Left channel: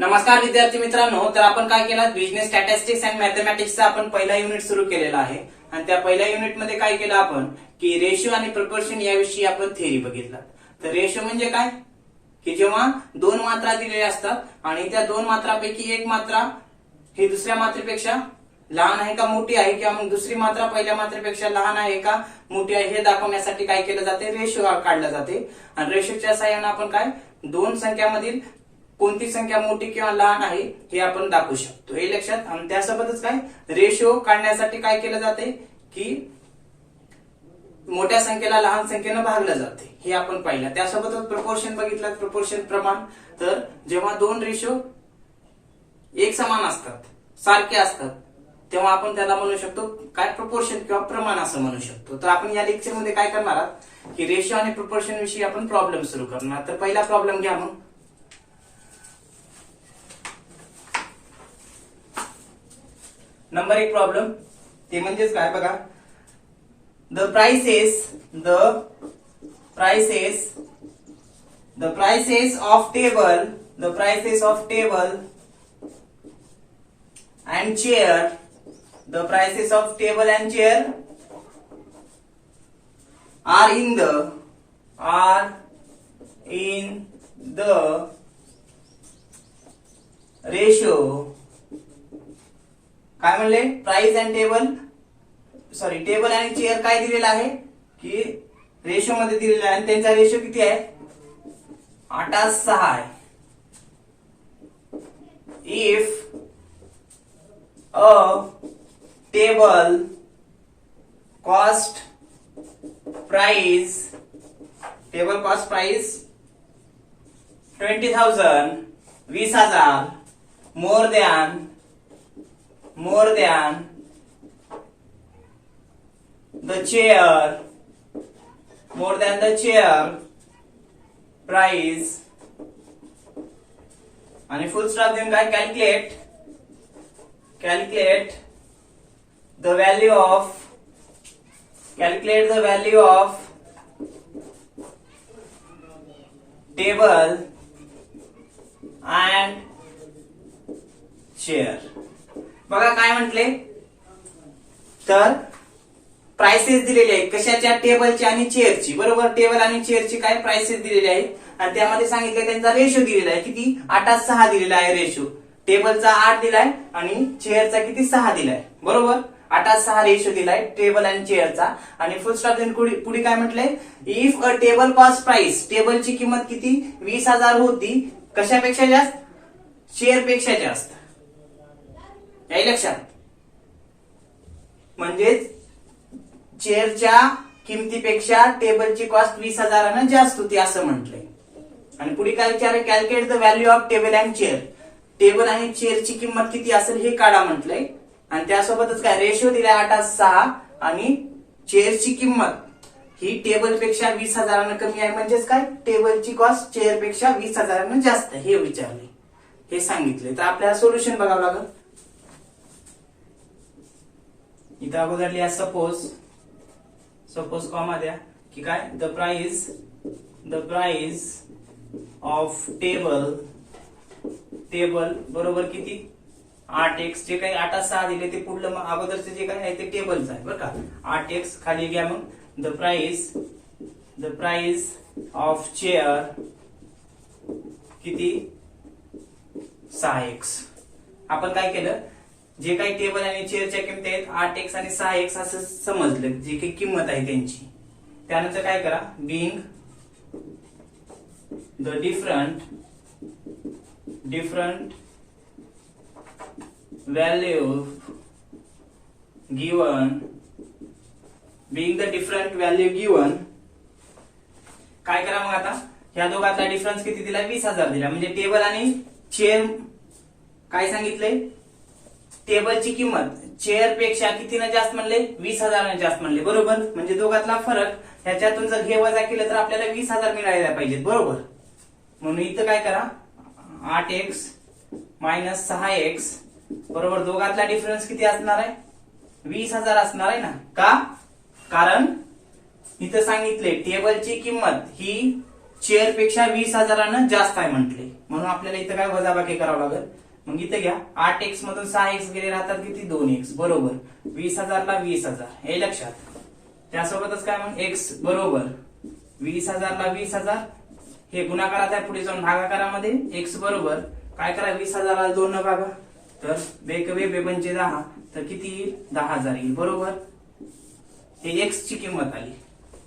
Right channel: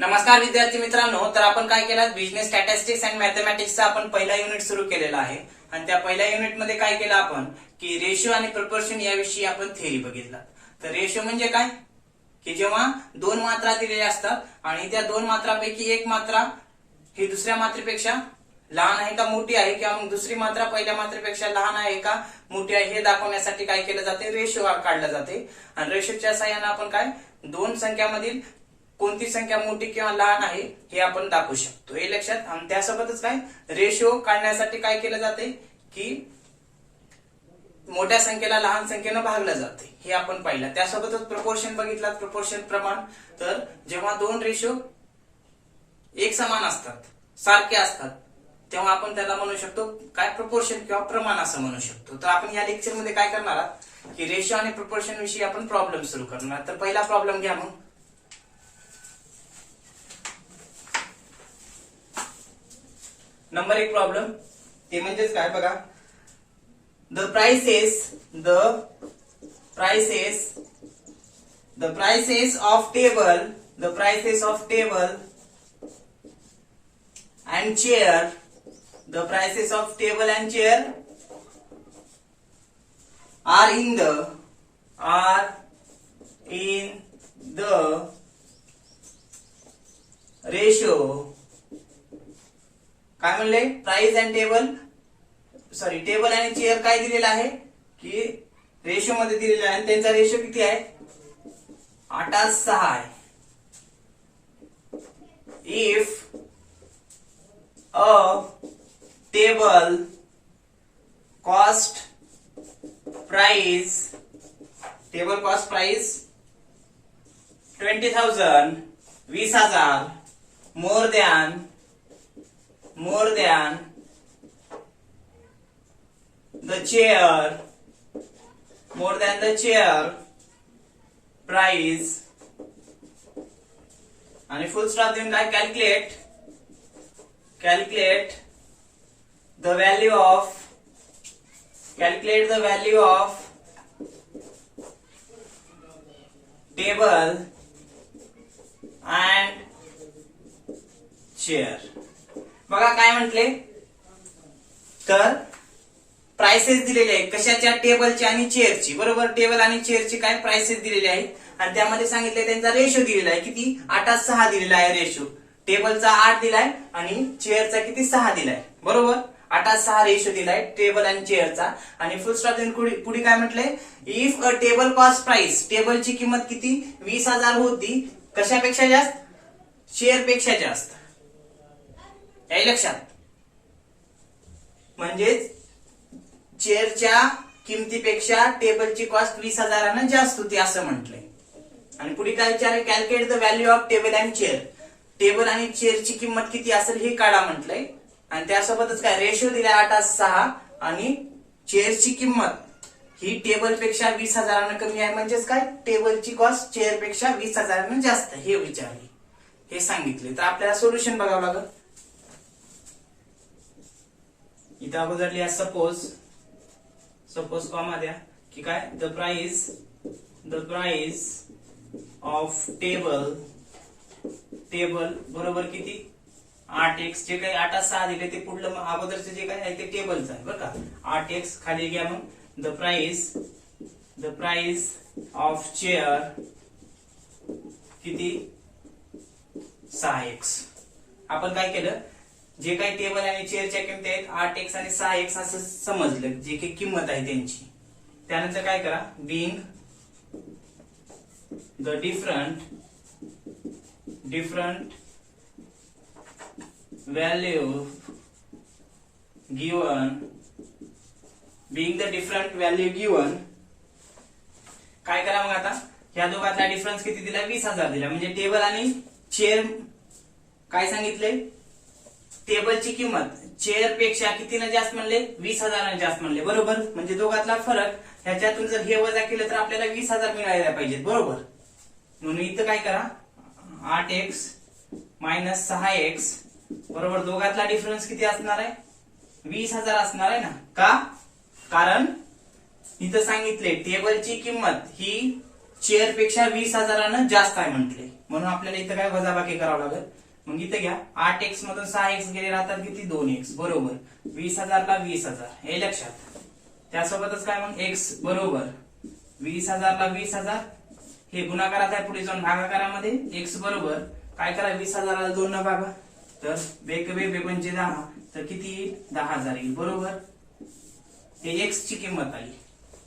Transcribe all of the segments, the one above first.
नमस्कार विद्यार्थी मित्रांनो, तर आपण काय केलं, बिझनेस स्टॅटिस्टिक्स अँड मॅथमॅटिक्सचा आपण पहिला युनिट सुरू केलेला आहे. आणि त्या पहिल्या युनिट मध्ये काय केलं आपण की रेशिओ आणि प्रपोर्शन याविषयी आपण थेअरी बघितला. तर रेशिओ म्हणजे काय की जेव्हा दोन मात्रा दिलेल्या असतात आणि त्या दोन मात्रापैकी एक मात्रा ही दुसऱ्या मात्रेपेक्षा लहान आहे का मोठी आहे, किंवा मग दुसरी मात्रा पहिल्या मात्रेपेक्षा लहान आहे का मोठी आहे हे दाखवण्यासाठी काय केलं जाते, रेशो काढला जाते. आणि रेशोच्या साहाय्याने आपण काय दोन संख्यामधील कोणती संख्या मोठी किंवा लहान आहे हे आपण दाखवू शकतो, हे लक्षात. आणि त्यासोबतच काय रेशो काढण्यासाठी काय केलं जाते की मोठ्या संख्येला लहान संख्येनं भागलं जाते, हे आपण पाहिलं. त्यासोबतच प्रपोर्शन बघितलं, प्रपोर्शन प्रमाण. तर जेव्हा दोन रेशो एक समान असतात, सारखे असतात, तेव्हा आपण त्याला म्हणू शकतो काय, प्रपोर्शन किंवा प्रमाण असं म्हणू शकतो. तर आपण या लेक्चर मध्ये काय करणार आहात की रेशो आणि प्रपोर्शन विषयी आपण प्रॉब्लेम सुरू करणार. तर पहिला प्रॉब्लेम घ्या. मग नंबर एक प्रॉब्लेम ते म्हणजेच काय बघा, the prices of table and chair are in the ratio. काय म्हणले, प्राइस अँड टेबल आणि चेअर काय दिलेला आहे की रेशो मध्ये दिलेला आहे. आणि त्यांचा रेशो किती आहे, 8:6 आहे. If a table cost price 20,000 20,000 more than the chair price, आणि फुल स्टॉप देऊन काय, calculate the value of table and chair. बघा काय म्हटले, तर प्राइसेस दिलेले आहेत कशाच्या, टेबलची आणि चेअरची. बरोबर, टेबल आणि चेअरची काय प्राइसेस दिलेले आहेत. आणि त्यामध्ये सांगितले त्यांचा रेशो दिलेला आहे किती, 8:6 दिलेला आहे रेशो. टेबलचा 8 दिलाय आणि चेअरचा किती, 6 दिलाय. बरोबर, 8:6 रेशो दिलाय टेबल आणि चेअरचा. आणि फुल स्टॉप देऊन पुढे काय म्हटलंय, if a table cost price, टेबलची किंमत किती 20,000 होती, कशापेक्षा जास्त, चेअरपेक्षा जास्त. याही लक्षात, म्हणजेच चेअरच्या किमतीपेक्षा टेबलची कॉस्ट 20,000 जास्त होती असं म्हटलंय. आणि पुढे काय विचार, calculate the value of table and chair, table आणि चेअरची किंमत किती असेल हे काढा म्हटलंय. आणि त्यासोबतच काय रेशो दिलाय 8:6 आणि चेअरची किंमत ही टेबलपेक्षा 20,000 कमी आहे, म्हणजेच काय टेबलची कॉस्ट चेअरपेक्षा 20,000 जास्त, हे विचारले, हे सांगितले. तर आपल्याला सोल्युशन बघावं लागेल. इथं अगोदर लिहा सपोज कॉमा द्या की काय, द प्राइस ऑफ टेबल बरोबर किती 8x, जे काही 8:6 दिले ते पुढलं अगोदरचं जे काय आहे ते टेबलचं आहे बरं का. 8x खाली घ्या. मग द प्राइस ऑफ चेअर किती 6x. आपण काय केलं, जे काही टेबल आणि चेअरच्या किमती आहेत 8x आणि 6x असं समजलं, जे काही किंमत आहे त्यांची. त्यानंतर काय करा, being the different value given, काय करा मग आता, ह्या दोघातला डिफरन्स किती दिला, 20,000 दिला. म्हणजे टेबल आणि चेअर काय सांगितले, टेबलची किंमत चेअर पेक्षा कितीनं जास्त म्हणले, 20,000 जास्त म्हणले. बरोबर, म्हणजे दोघातला फरक ह्याच्यातून जर घे वजा केलं तर आपल्याला 20,000 मिळायला पाहिजेत. बरोबर, म्हणून इथं काय करा, 8x - 6x बरोबर, दोघातला डिफरन्स किती असणार आहे, 20,000 असणार आहे ना. का, कारण इथं सांगितले टेबलची किंमत ही चेअर पेक्षा 20,000 जास्त आहे म्हटले. म्हणून आपल्याला इथं काय वजाबाकी करावं लागेल. मग इथं घ्या 8x मधून 6x गेले राहतात किती 2x बरोबर 20,000 ला 20,000 हे लक्षात. त्यासोबतच काय मग x बरोबर 20,000 ला 20,000 हे गुणाकारात आहे पुढे जाऊन भागाकारामध्ये x बरोबर काय करा 20,000 ला 2 न भागा तर बेक बे म्हणजे 10 तर किती येईल 10,000 येईल बरोबर. हे x ची किंमत आली.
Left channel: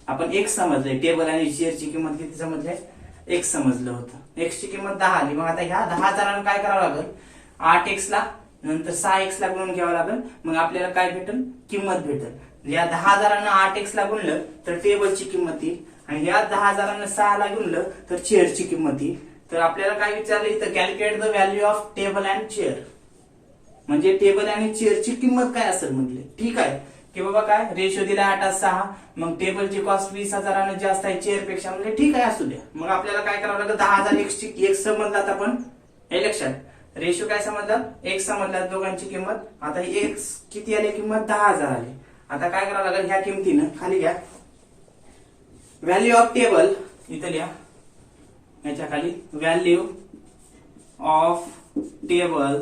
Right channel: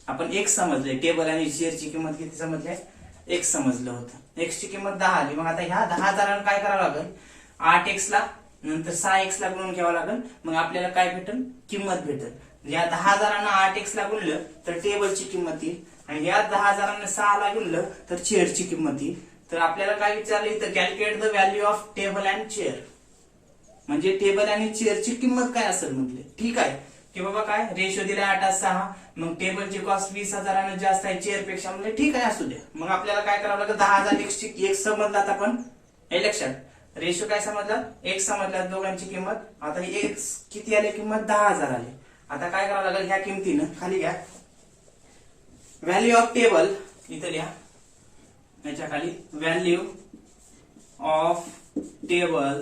आपण x समजले टेबल आणि शेअर ची किंमत किती समजली x समजलं होतं. x ची किंमत 10 आली. मग आता ह्या 10,000 काय करावं लागेल 8x ला नंतर 6x ला गुणून घ्यावं लागेल. मग आपल्याला काय भेटेल किंमत भेटेल. या 10,000 8x ला गुणलं तर टेबलची किंमत येईल आणि या 10,000 6 ला गुणलं तर चेअरची किंमत येईल. तर आपल्याला काय विचारलं इथं calculate the value of table and chair म्हणजे टेबल आणि चेअरची किंमत काय असेल म्हटले. ठीक आहे की बाबा काय रेशो दिला 8:6 मग टेबलची कॉस्ट 20,000 जास्त आहे चेअर पेक्षा म्हणजे ठीक आहे असू द्या. मग आपल्याला काय करावं लागेल 10,000 x समजलात आपण हे लक्षात रेशो काय समजला x समजला दोघांची किंमत. आता x किती आली किंमत 10,000 आली. आता काय करावं लागेल ह्या किमतीनं खाली घ्या व्हॅल्यू ऑफ टेबल इथे लिहा याच्या खाली व्हॅल्यू ऑफ टेबल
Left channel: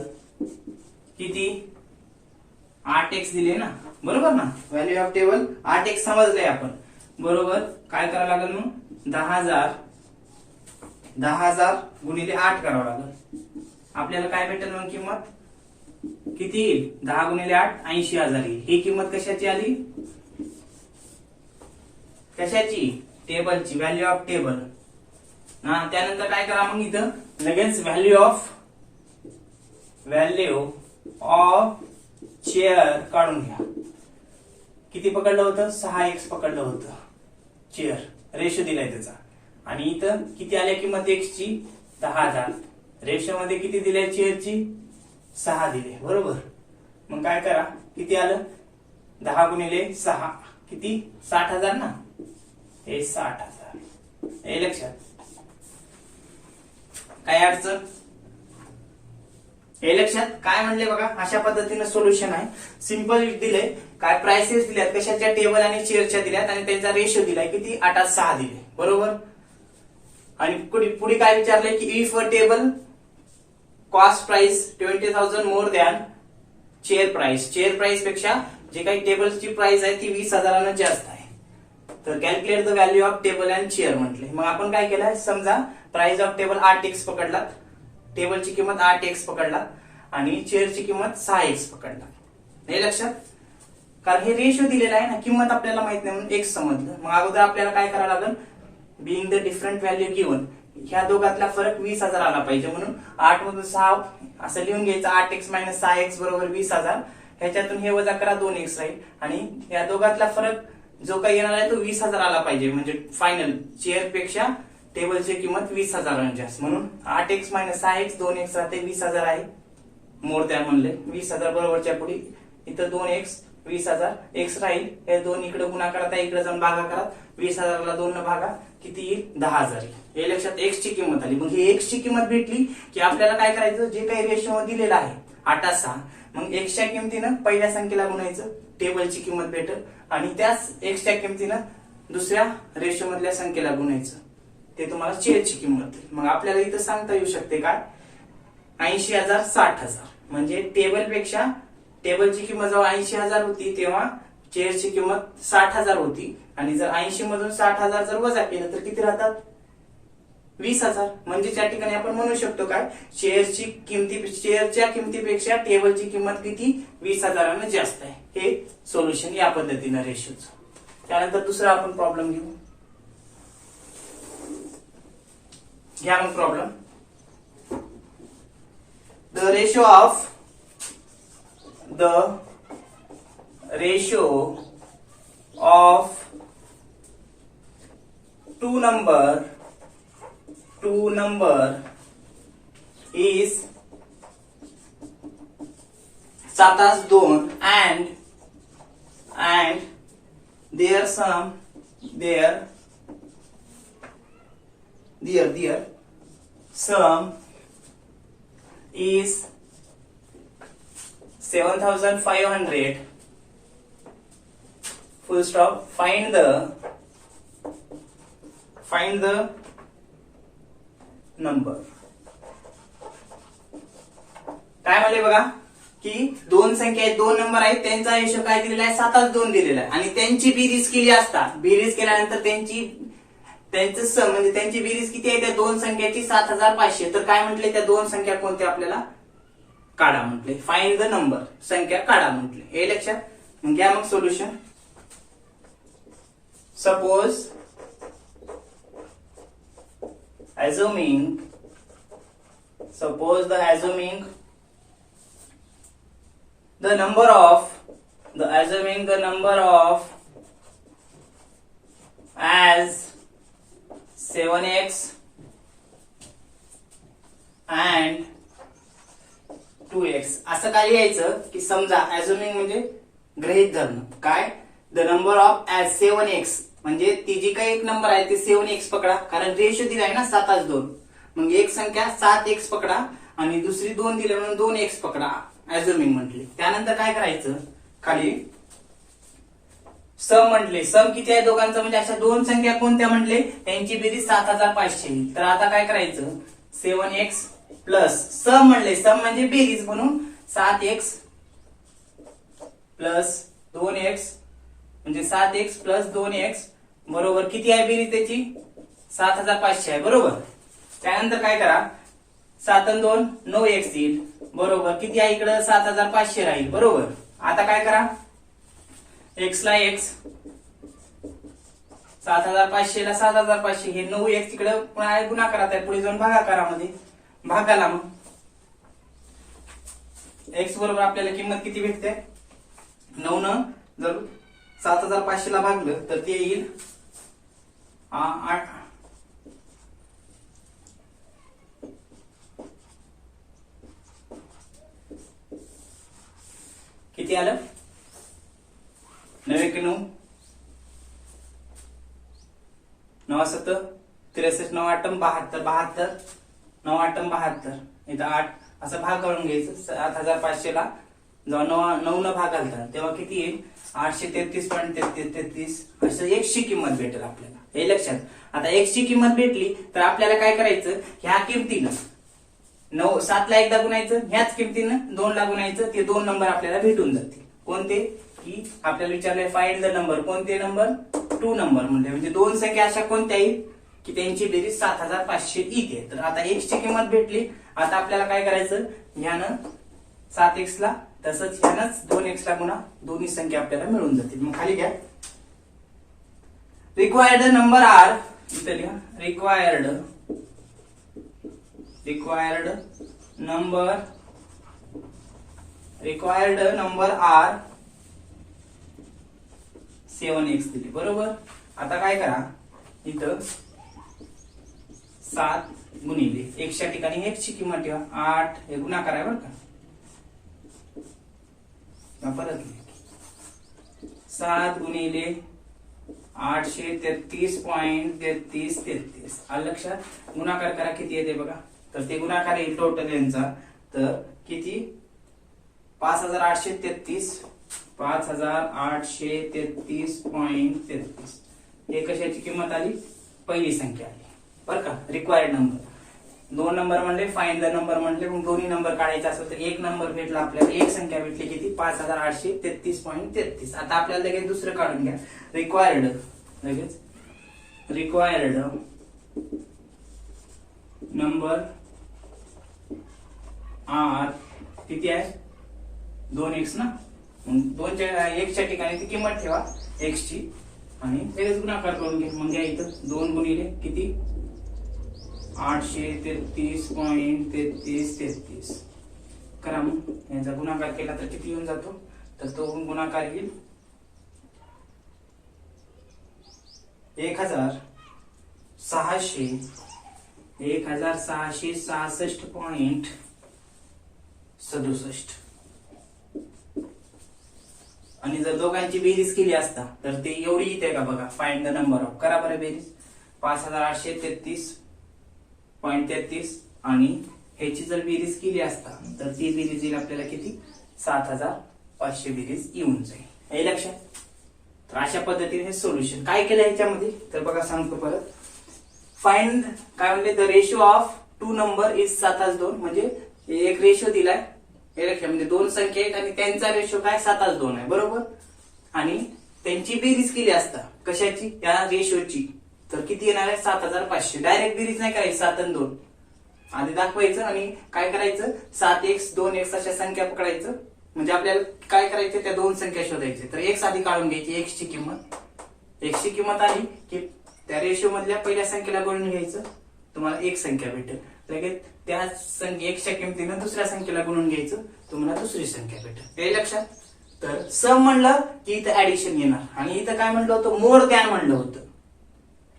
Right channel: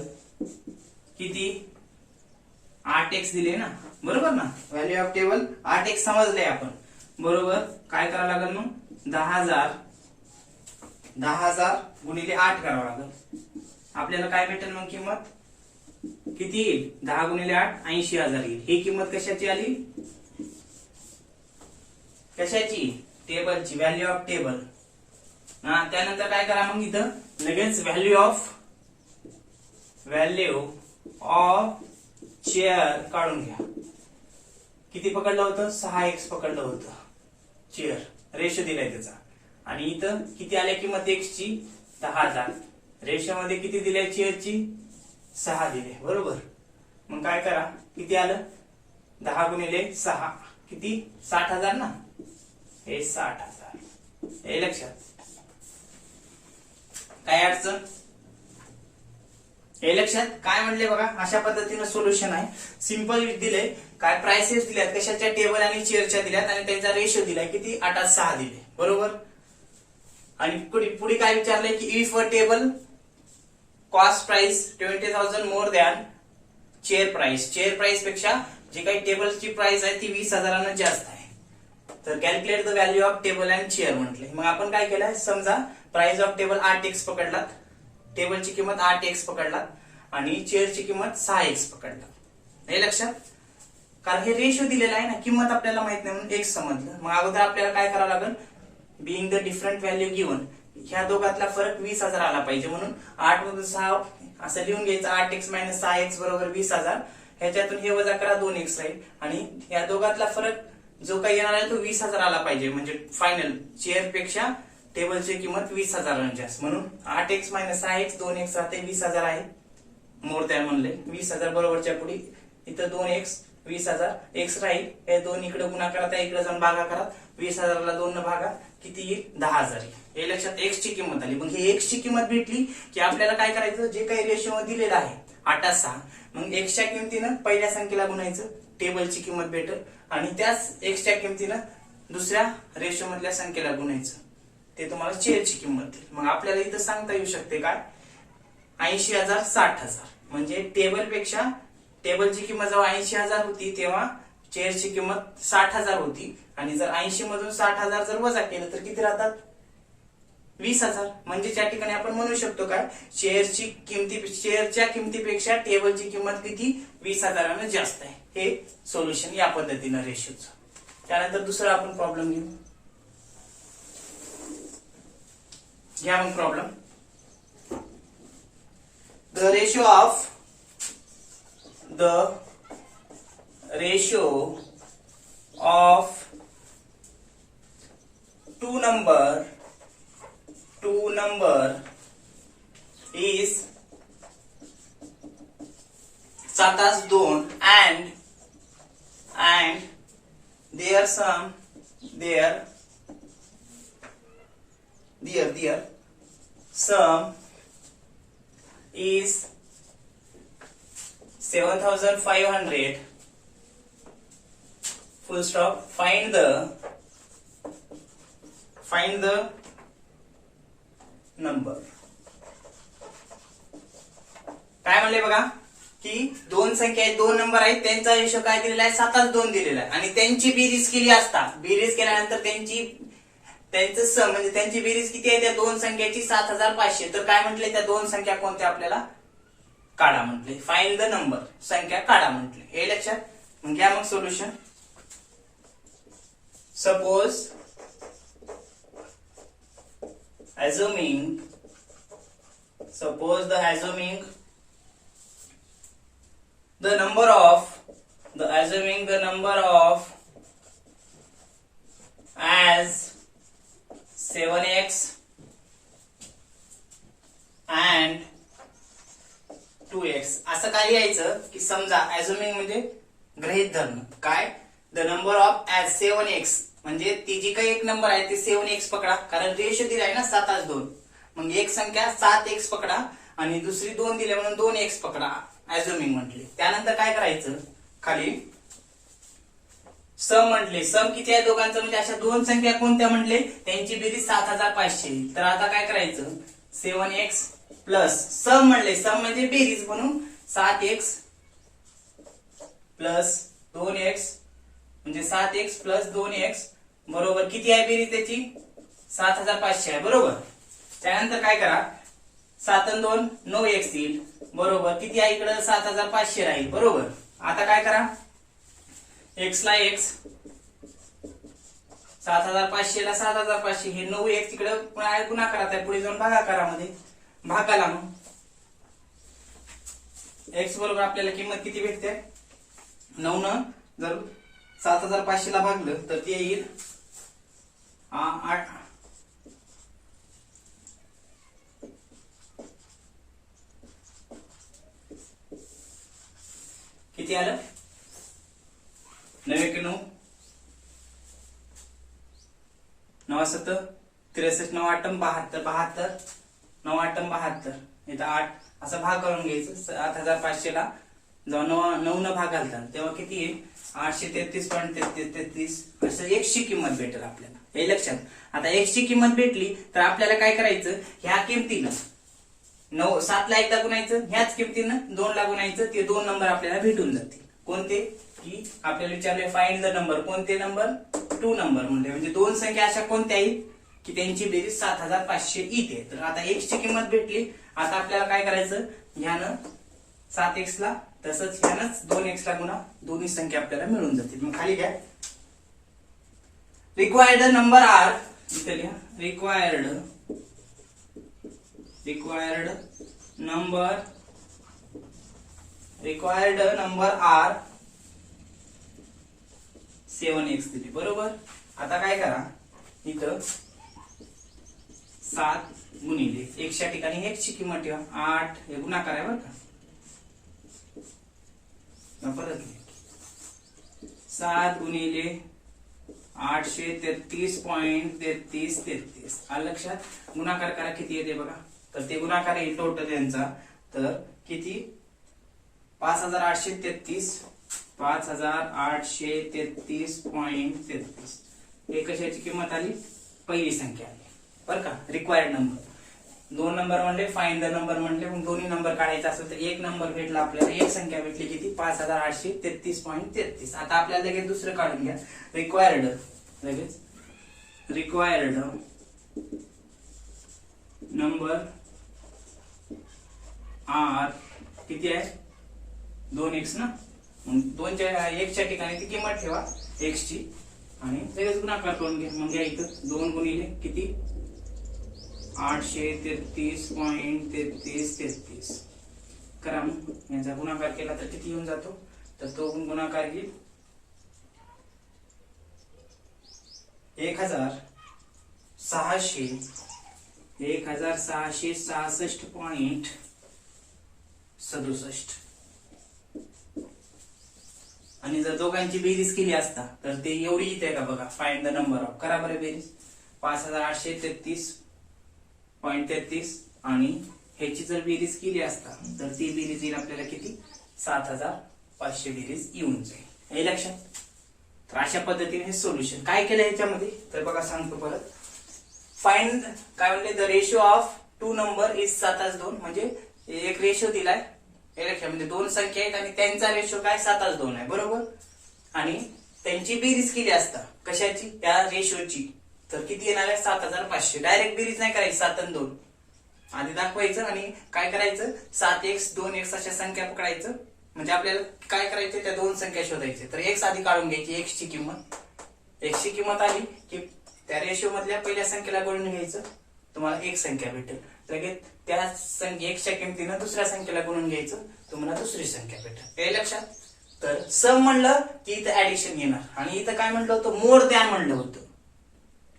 किती 8x दिले ना बरोबर ना. व्हॅल्यू ऑफ टेबल 8x समजले आपण बरोबर. काय करावं लागेल मग 10,000 गुणिले 8 करावं लागेल. आपल्याला काय भेटेल मग किंमत किती येईल 10 गुणिले 8 80,000 येईल. ही किंमत कशाची आली कशाची टेबलची व्हॅल्यू ऑफ टेबल. त्यानंतर काय करा मग इथं लगेच व्हॅल्यू ऑफ चेअर काढून घ्या. किती पकडलं होतं 6x पकडलं होतं चेअर रेशो दिलाय त्याचा आणि इथं किती आल्या किंमत x ची 10,000 रेशो मध्ये किती दिलाय चेअरची 6 दिले बरोबर. मग काय करा किती आलं 10 गुणिले 6 किती 60,000 ना हे 60,000 हे लक्षात. काय अडचण हे लक्षात काय म्हणले बघा अशा पद्धतीने सोल्युशन आहे. सिंपल दिले काय प्राइसेस दिल्यात कशाच्या टेबल आणि चेअरच्या दिल्यात आणि त्यांचा रेशो दिलाय किती 8:6 दिले बरोबर. आणि पुढे काय विचारलंय की if a table cost price 20,000 more than chair price पेक्षा जे काही टेबलची प्राइस आहे ती 20,000 जास्त आहे तर calculate the value of table and chair म्हटले. मग आपण काय केलंय समजा प्राइस ऑफ टेबल 8x पकडलात टेबलची किंमत 8x पकडलात आणि चेअरची किंमत 6x पकडलात हे लक्षात. कारण हे रेशो दिलेला आहे ना किंमत आपल्याला माहित नाही म्हणून x समजलं. मग अगोदर आपल्याला काय करावं लागेल being the different value given ह्या दोघातला फरक 20,000 आला पाहिजे म्हणून 8 मधून 6 असं लिहून घ्यायचं 8x - 6x बरोबर 20,000. ह्याच्यातून हे वजा करा 2x राहील आणि या दोघातला फरक जो काही येणार आहे तो 20,000 आला पाहिजे म्हणजे फायनल चेअर पेक्षा टेबलची किंमत 20,000 जास्त म्हणून 8x - 6x 2x राहते 20,000 आहे मोर दॅन म्हणले 20,000 बरोबरच्या पुढे इथं 2x 20,000 x राहील हे दोन इकडे गुणाकारात आहे इकडे जाऊन भागाकारात 20,000 ला 2 न भागा किती येईल 10,000 हे लक्षात. x ची किंमत आली. मग हे x ची किंमत भेटली की आपल्याला काय करायचं जे काही रेशो दिलेला आहे 8:6 मग x च्या किमतीनं पहिल्या संख्येला गुणायचं टेबलची किंमत भेटेल आणि त्याच x च्या किमतीनं दुसऱ्या रेशो मधल्या संख्येला गुणायचं ते तुम्हाला चेअरची किंमत देईल. मग आपल्याला इथं सांगता येऊ शकते काय 80,000 60,000 म्हणजे टेबलची किंमत जेव्हा 80,000 होती तेव्हा चेअरची किंमत 60,000 होती आणि जर 80 मधून 60,000 जर वजा केलं तर किती राहतात 20,000 म्हणजे त्या ठिकाणी आपण म्हणू शकतो काय चेअरच्या किमतीपेक्षा टेबलची किंमत किती 20,000 जास्त आहे. हे सोल्युशन या पद्धतीनं रेशोचं. त्यानंतर दुसरा आपण प्रॉब्लेम घेऊ. घ्या मग problem the ratio of two number is 7-2 and their sum is 7,500 full stop. Find the number. काय म्हणले बघा की दोन संख्या आहेत, दोन नंबर आहेत, त्यांचा रेशो काय दिलेला आहे 7:2 दिलेला आहे आणि त्यांची बेरीज केली असता, बेरीज केल्यानंतर म्हणजे त्यांची बेरीज किती आहे त्या दोन संख्याची 7,500. तर काय म्हटले त्या दोन संख्या कोणत्या आपल्याला काढा म्हटले, फाइंड द नंबर, संख्या काढा म्हटले. हे लक्षात. मग घ्या मग solution. Suppose assuming the number of as 7x and 2x. असं काय लिहायचं की समजा assuming म्हणजे गृहीत धरणं. काय the number of as 7x म्हणजे ती जी काही एक नंबर आहे ती 7x पकडा, कारण रेशो दिला आहे ना 7:2. मग एक संख्या 7x पकडा आणि दुसरी 2 दिले म्हणून 2x पकडा, assuming म्हटले. त्यानंतर काय करायचं, खाली सम म्हटले. सम किती आहे दोघांचं, म्हणजे अशा दोन संख्या कोणत्या म्हटले, त्यांची बेरीज 7,500. तर आता काय करायचं, 7x प्लस सम म्हणले, सम म्हणजे बेरीज म्हणून 7x प्लस 2x म्हणजे 7x प्लस 2x बरोबर किती आहे बेरीज त्याची 7,500 आहे बरोबर. त्यानंतर काय करा, 7 आणि 2 9x येईल बरोबर, किती आहे इकडे 7,500 राहील बरोबर. आता काय करा, x ला x 7,500 ला 7,500 हे 9x तिकडे गुणाकारात आहे, पुढे जाऊन भागाकारामध्ये भागाला. मग x बरोबर आपल्याला किंमत किती भेटते 9 न जर 7,500 ला भागलं तर ते येईल 8. किती आलं 9 1 9 9 7 63 9 8 72 72 9 8 72 इथं 8 असं भाग करून घ्यायचं. 7,500 ला जेव्हा 9 न भाग घालतात तेव्हा किती येईल 833.33 असं x ची किंमत भेटेल आपल्याला. हे लक्षात. आता x ची किंमत भेटली तर आपल्याला काय करायचं, ह्या किमतीनं 7 ला एकदा गुणायचं, ह्याच किमतीनं 2 ला गुणायचं, ते दोन नंबर आपल्याला भेटून जातील. कोणते की आपल्याला विचारले फाइंड द नंबर, कोणते नंबर 2 नंबर म्हणजे दोन संख्या अशा कोणत्या आहेत की त्यांची बेरीज 7,500 येते. तर आता x ची किंमत भेटली. आता आपल्याला काय करायचं, ह्यानं 7x ला तसंच ह्यानंच 2x ला गुणा, दोन्ही संख्या आपल्याला मिळून जातील. मग खाली घ्या, रिक्वायर्ड नंबर आर, इथे लिहा रिक्वायर्ड नंबर आर 7x दिली बरोबर. आता काय करा, इथं 7 गुणिले x च्या ठिकाणी x ची किंमत ठेवा 8, हे गुणाकार आहे बरं का. परत 7 गुणिले 833.3333 आलं लक्षात. गुणाकार करा किती येते बघा, तर ते गुणाकार येईल टोटल यांचा, तर किती 5,833.33. हे कशाची किंमत आली, पहिली संख्या आली बरं का. रिक्वायर्ड नंबर 2 नंबर म्हणले, फाइंड द नंबर म्हणले, मग दोन्ही नंबर काढायचा असेल तर एक नंबर भेटला आपल्याला, एक संख्या भेटली किती 5,833.33. आता आपल्याला लगेच दुसरं काढून घ्या, रिक्वायर्ड नंबर आर किती आहे 2x ना, मग 1 च्या ठिकाणी ती किंमत ठेवा x ची आणि लगेच गुणाकार करून घ्या. मग घ्या इथं 2 गुणिले किती 833.3333 करा. मग यांचा गुणाकार केला तर किती येऊन जातो, तर तो गुणाकार येईल 1,666.67. आणि जर दोघांची बेरीज केली असता तर ते एवढी येते का बघा, फाइंड द नंबर ऑफ, करा बरं बेरीज 5,833.33 आणि ह्याची जर बेरीज केली असता तर ती बेरीज येईल आपल्याला किती 7,500 बेरीज येऊन जाईल. हे लक्षात. तर अशा पद्धतीने हे सोल्युशन काय केलं ह्याच्यामध्ये, तर बघा सांगतो परत. फाइंड काय म्हणले, the ratio of 2 number is 7:2 म्हणजे एक रेशो दिलाय हे लक्षात, म्हणजे दोन संख्या आहेत आणि त्यांचा रेशो काय 7:2 आहे, बरोबर. आणि त्यांची बेरीज केली असता कशाची, त्या रेशोची, तर किती येणार आहे 7,500. डायरेक्ट बेरीज नाही करायची 7 आणि 2, आधी दाखवायचं आणि काय करायचं 7x 2x अशा संख्या पकडायचं. म्हणजे आपल्याला काय करायचं त्या दोन संख्या शोधायचे. तर x आधी काढून घ्यायची, x ची किंमत आली की त्या रेशो मधल्या पहिल्या संख्येला गुणून घ्यायचं, तुम्हाला एक संख्या भेटेल. लगेच त्या एक्सच्या किमतीनं दुसऱ्या संख्येला गुणून घ्यायचं, तुम्हाला दुसरी संख्या भेटेल. हे लक्षात. तर सम म्हणलं की इथं ऍडिशन येणार आणि इथं काय म्हणलं होतं, मोर दॅन म्हणलं होतं.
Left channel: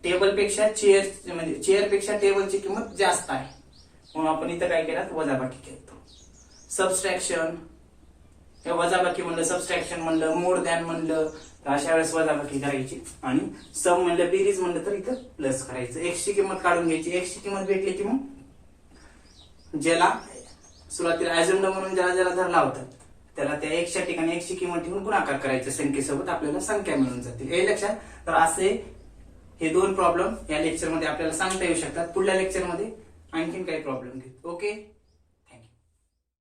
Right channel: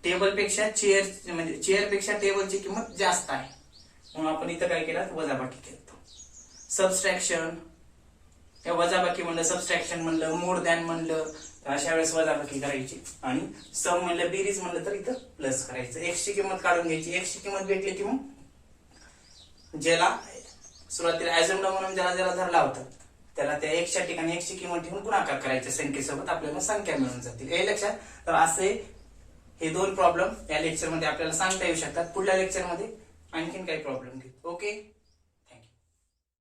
टेबल पेक्षा चेअर, म्हणजे चेअर पेक्षा टेबलची किंमत जास्त आहे, म्हणून आपण इथं काय केलं, वजाबाकी केलं. सबस्ट्रॅक्शन, वजाबाकी म्हणलं, सबस्ट्रॅक्शन म्हणलं, मोर दॅन म्हणलं, अशा वेळेस वजाबाकी करायची. आणि सम म्हणलं, बेरीज म्हणलं तर इथं प्लस करायचं. एक्स ची किंमत काढून घ्यायची. एक्स ची किंमत भेटली की मग ज्याला सुरुवातीला ऍझम्ड म्हणून ज्याला धरला होता त्याला त्या एक्सच्या ठिकाणी एक्स ची किंमत ठेवून गुणाकार करायचं संख्येसोबत, आपल्याला संख्या मिळून जातील. हे लक्षात. तर असे हे दोन प्रॉब्लेम या लेक्चरमध्ये आपल्याला सांगता येऊ शकतात. पुढल्या लेक्चरमध्ये आणखीन काही प्रॉब्लेम घेऊ. ओके.